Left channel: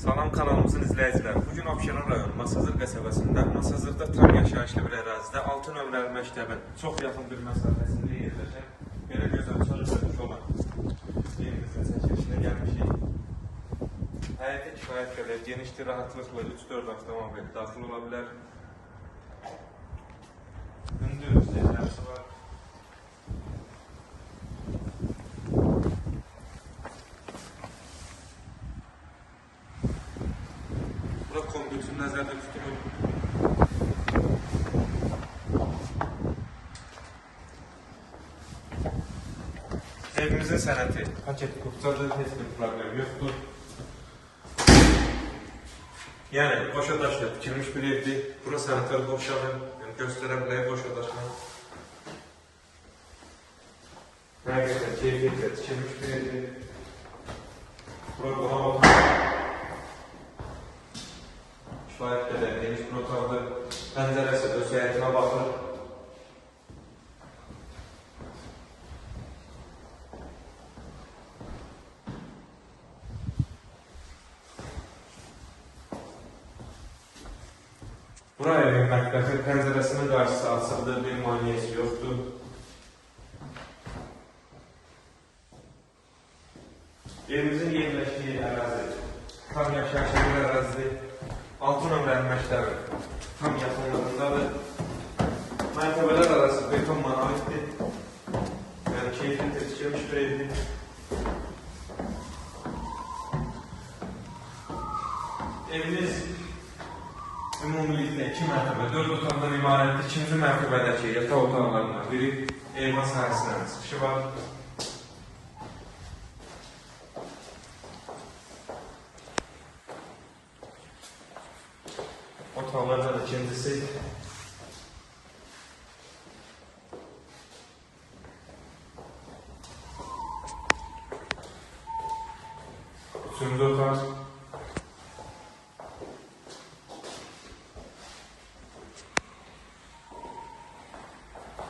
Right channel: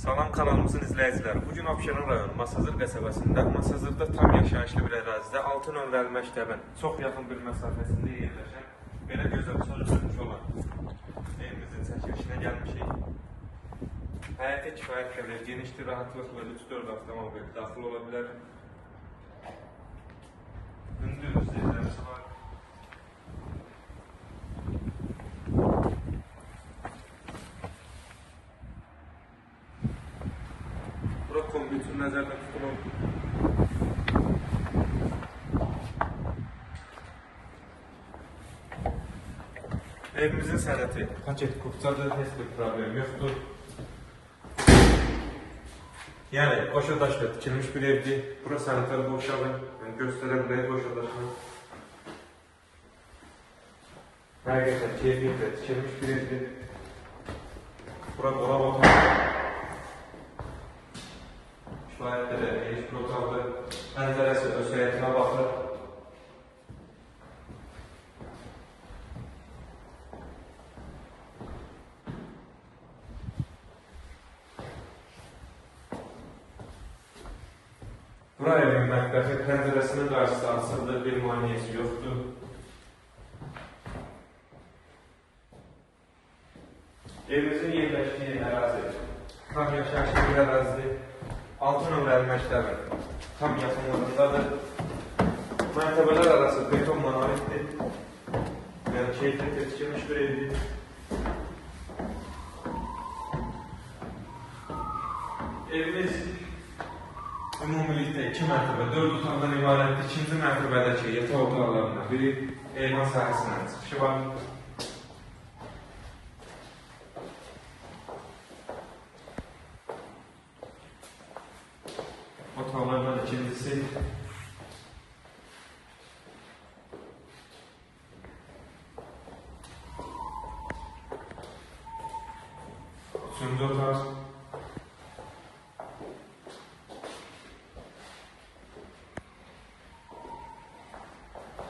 Salam kanalımızın izləyiciləri. Bugün Abşeron rayonu Masazır qəsəbəsində, Masazırda tam yaşayışlı bir ərazidə 6 nömrəli məktəbin çox yaxın bir məsafəsində yerləşən belə gözəl çarşıda olan evimizin çəkilişinə gəlmişik. Həyətə kifayət qədər genişdir, rahatlıqla 3-4 avtomobil daxil ola bilər. Hündür üzərlərisi var. Bura kompütür nəzərdə tutulur. Evimizin sənəti paket kurtadır, heç bir problem yoxdur. Yəni, boşa daşlı tikilmiş bir evdir. Bura sanitar boşağı, göstərə bilək boşa daşlı. Həqiqətən keyfiyyətlə tikilmiş bir evdir. Bura dolab baxır. Kifayət qədər geniş bir otaqdır. Pəncərəsi döşəyitinə baxır. Bura evin mətbəxi, pəncərəsinin qarşısı açıqdır, bir maniyəsi yoxdur. Evimizin yerləşdiyi ərazi tam yaşayışlı bir ərazidir. 6 nömrəli məktəbin tam yaxınlığındadır. Mərtəbələr arası beton monolitdir. Yəni keyfiyyətlə tikilmiş bir evdir. Evimiz ümumilikdə 2 mərtəbə, 4 otaqdan ibarətdir. 2-ci mərtəbədəki yataq otaqlarından biri eyvan sahəsindən çıxışı var. Otaqlardan ikincisi üçüncü otaq.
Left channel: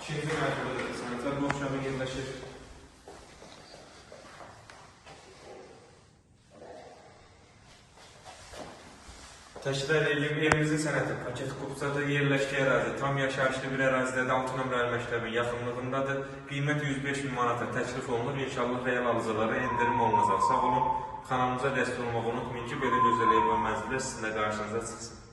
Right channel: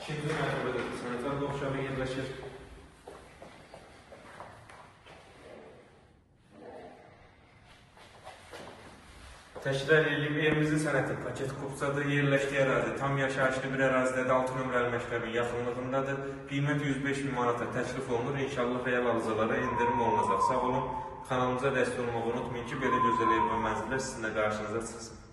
İkinci mərtəbədə sanitar boşluğu yerləşir. Təşkil edildiyi evimizin sənəti paket kurtadır, yerləşdiyi ərazi tam yaşayışlı bir ərazidə 6 nömrəli məktəbin yaxınlığındadır. Qiymət 105.000 manata təklif olunur. İnşallah real alıcılara endirim olunacaq. Sağ olun. Kanalımıza dəstək olmağı unutmayın ki, belə gözəl ev və mənzillər sizinlə qarşınıza çıxsın.